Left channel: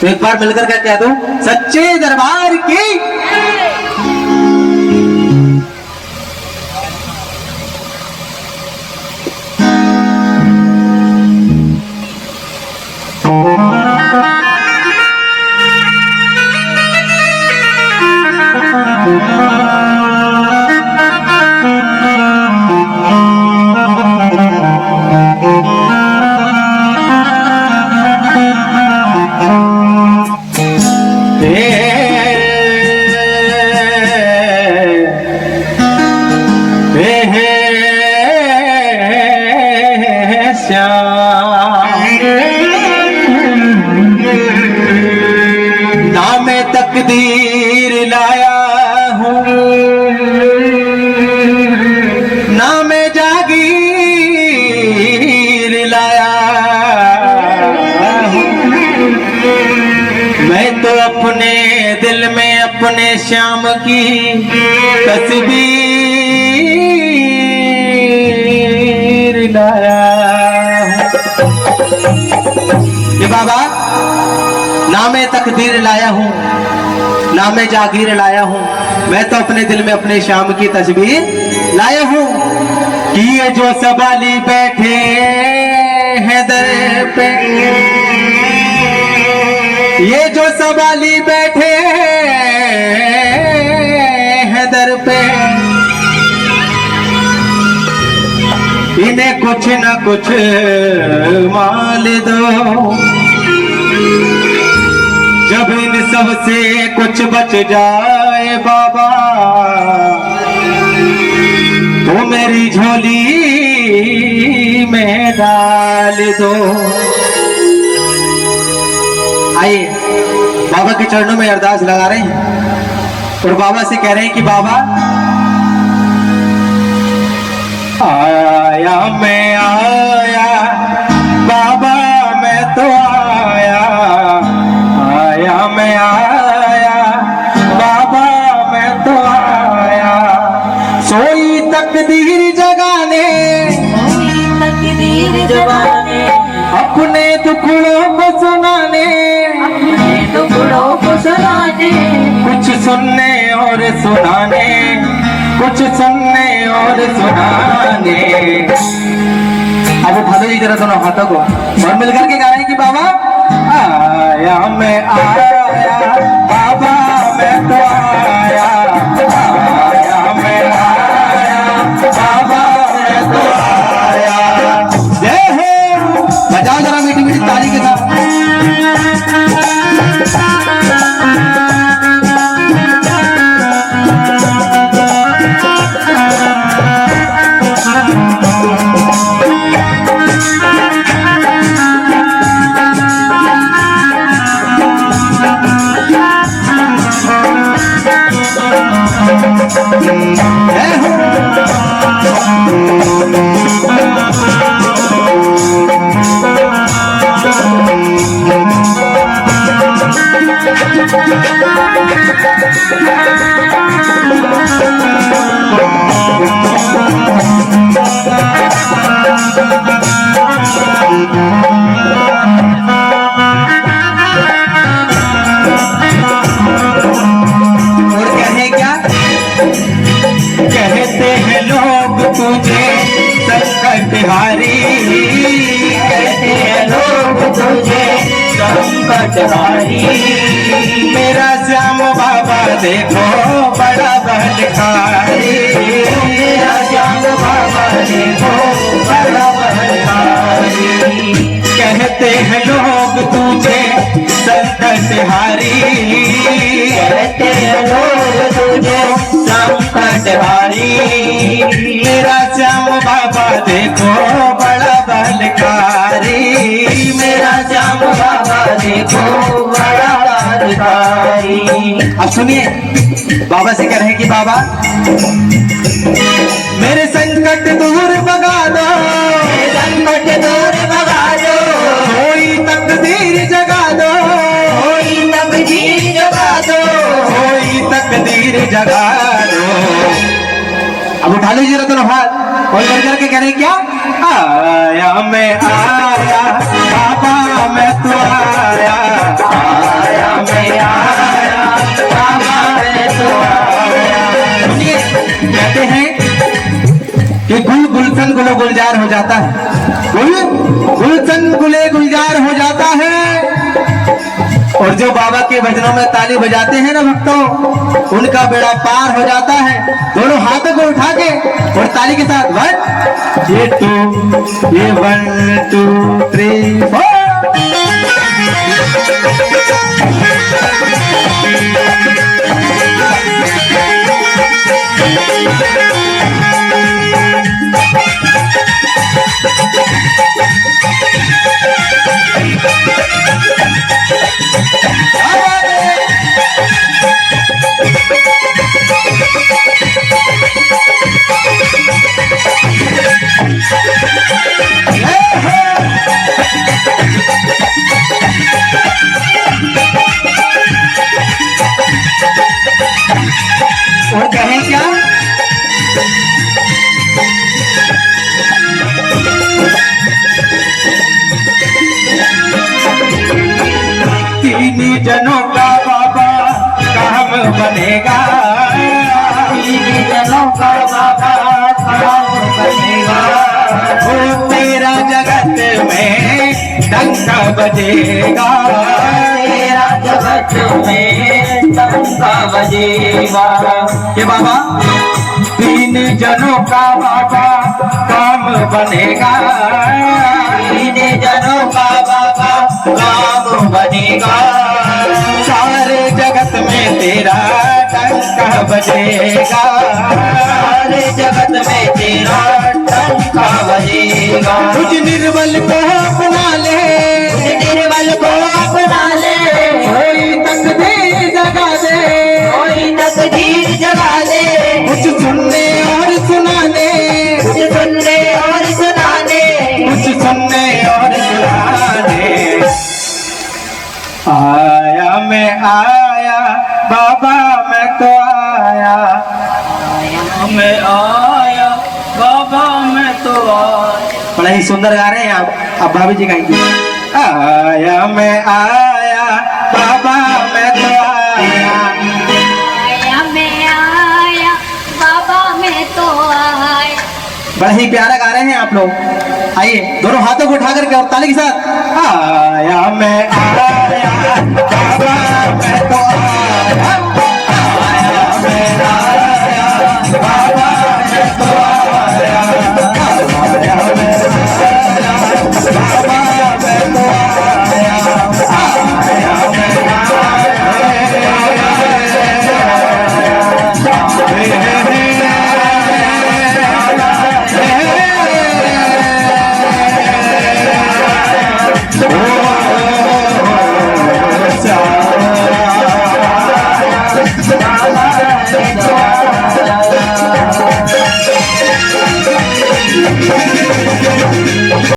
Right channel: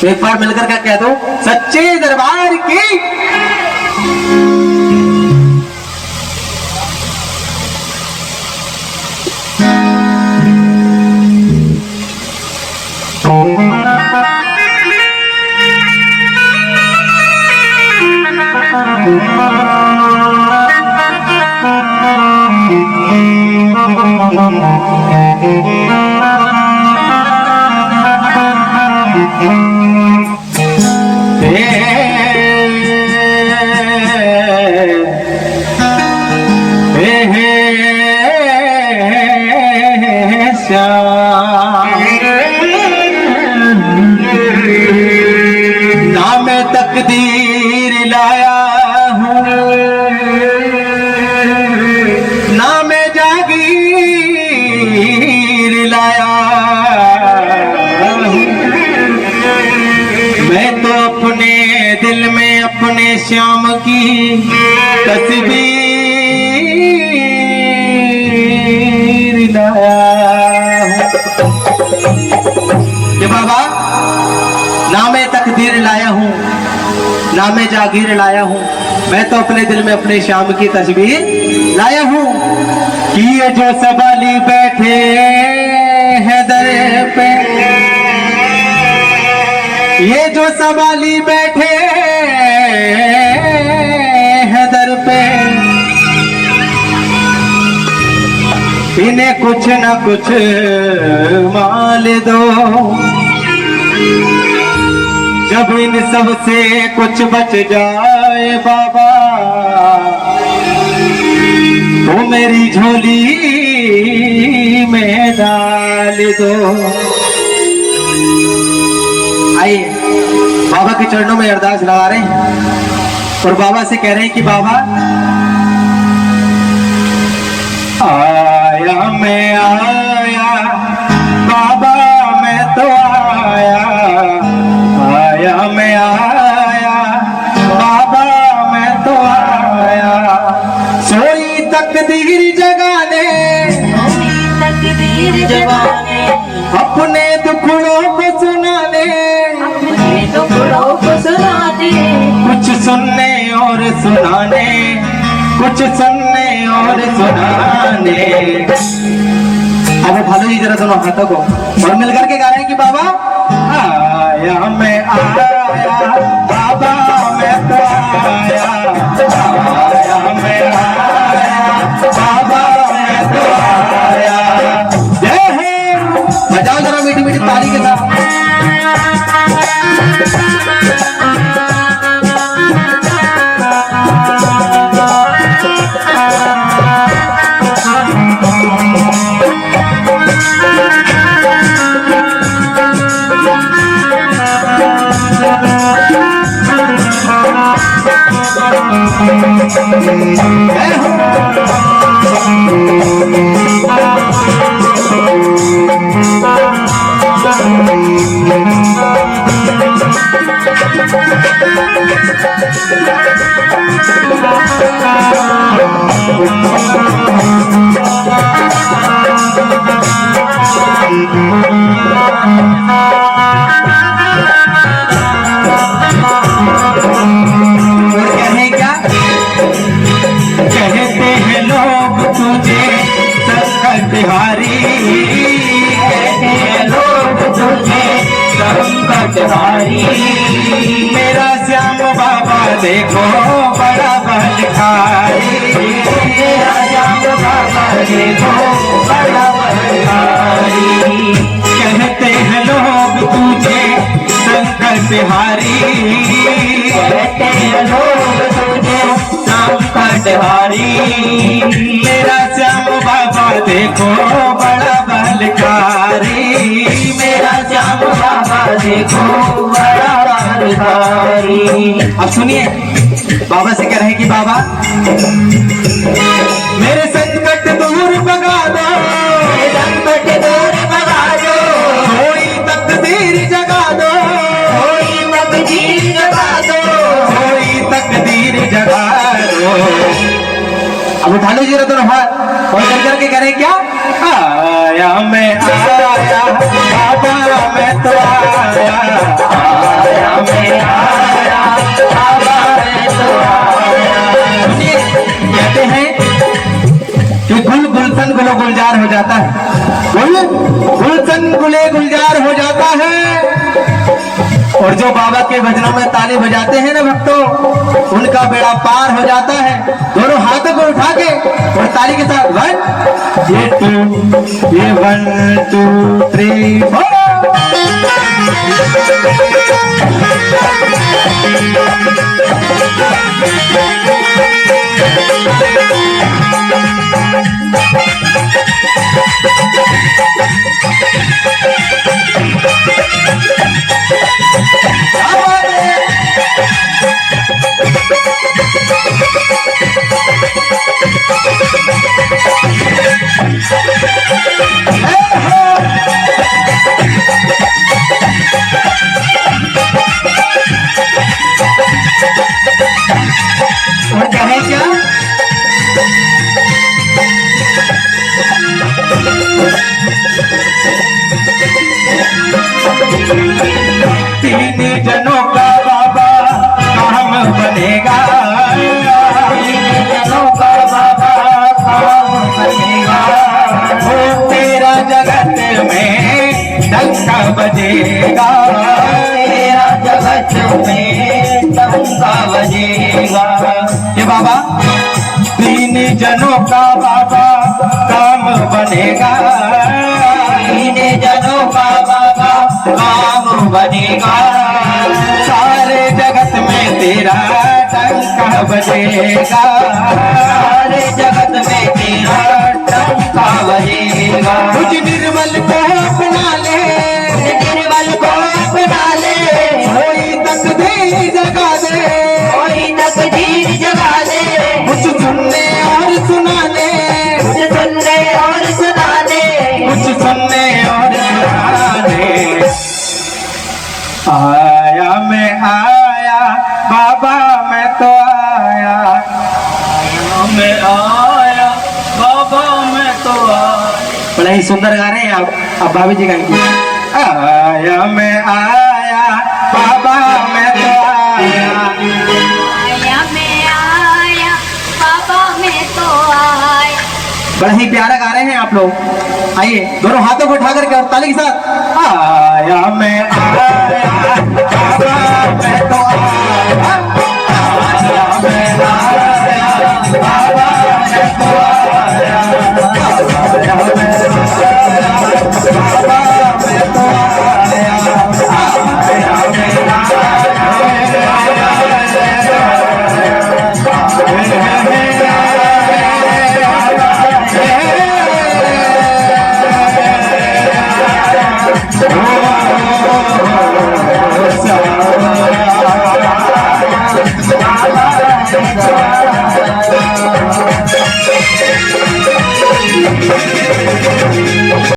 तो एक बार मिलकर क्या कह दो, सच्चे दरबार की। तकदीर लाया हूँ ना मैं जागीर लाया हूँ। मैं तो अपने दिल में अपने श्याम की तस्वीर लाया हूँ। ये बाबा, ना मैं तकदीर लाया हूँ ना मैं जागीर लाया हूँ, मैं तो अपने दिल में अपने श्याम की तस्वीर लाया हूँ। कि ये जो सवाली बैठे हैं दर पे, ये जो सवाली बैठे हैं दर पे, इन्हें कुछ न कुछ माल दो। जब इन सब से कुछ बच जाए बाबा, तो मेरी झोली में डाल दो। आइए बाबा के चरणों में अरदास लगा रहे हैं और बाबा से कह रहे हैं कि बाबा, आया मैं आया बाबा, मैं तो आया मैं आया बाबा, मैं तो आया। सोई तकदीर जगाने, अपने दुखड़ों को सुनाने, कुछ सुनने और सुनाने, कुछ सुनने और सुनाने। अब उठा दो जरा दोनों हाथों को और मिलकर के गा रहे हैं कि बाबा, आया मैं आया बाबा, मैं तो आया मैं आया बाबा, मैं तो आया। जय हो, बजाओ जरा मीठी मीठी ताली के साथ। मेरा श्याम बाबा देखो बड़ा बलकारी, मेरा श्याम बाबा देखो बड़ा बलकारी। कहते हैं लोग तुझे संकट हारी, कहते हैं लोग तुझे संकट हारी। मेरा श्याम बाबा देखो बड़ा बलकारी, मेरा श्याम बाबा देखो बड़ा बलकारी। अब सुनिए बाबा से कह रहे हैं कि बाबा, मेरे संकट दूर भगा दो, संकट दूर भगा दो, कोई तकदीर जगा दो, कोई तकदीर जगा दो, कोई तकदीर जगा दो। अब उठा लीजिए दोनों हाथ और करके कह रहे हैं क्या, आया मैं आया बाबा, मैं तो आया गुलशन गुले गुलजार हो जाता है। और जो बाबा के भजनों में ताली बजाते हैं ना भक्तों, उनका बेड़ा पार हो जाता है। दोनों हाथों को उठा के और ताली के साथ 1 2 3 4। और कहें क्या? तीन जनों का बाबा काम बनेगा, तीन जनों का बाबा काम बनेगा। वो तेरा जगत में डंका बजेगा, तेरा जगत में डंका बजेगा। ये बाबा तीन जनों का बाबा काम बनेगा, तीन जनों का बाबा काम बनेगा। सारे जगत में तेरा डंका बजेगा, सारे जगत में तेरा डंका बजेगा। कुछ निर्मल को अपना ले, निर्मल को अपना ले, कोई तकदीर जगा दे, कोई तकदीर जगा दे। कुछ सुनने और सुनाने, कुछ सुनने और सुनाने, कुछ सुनने और सुनाने। आया मैं आया बाबा मैं तो आया, मैं आया बाबा मैं तो आया। बड़ा ही सुंदर गा रहे हैं आप। अब भाभी जी का आया मैं आया बाबा मैं तो आया, आया मैं आया बाबा मैं तो आया। बड़ा ही प्यारा गा रहे हैं आप लोग। आइए दोनों हाथों को उठा करके और ताली के साथ आया मैं आया बाबा मैं तो आया, आया मैं आया बाबा मैं तो आया, आया मैं आया बाबा मैं तो आया, आया मैं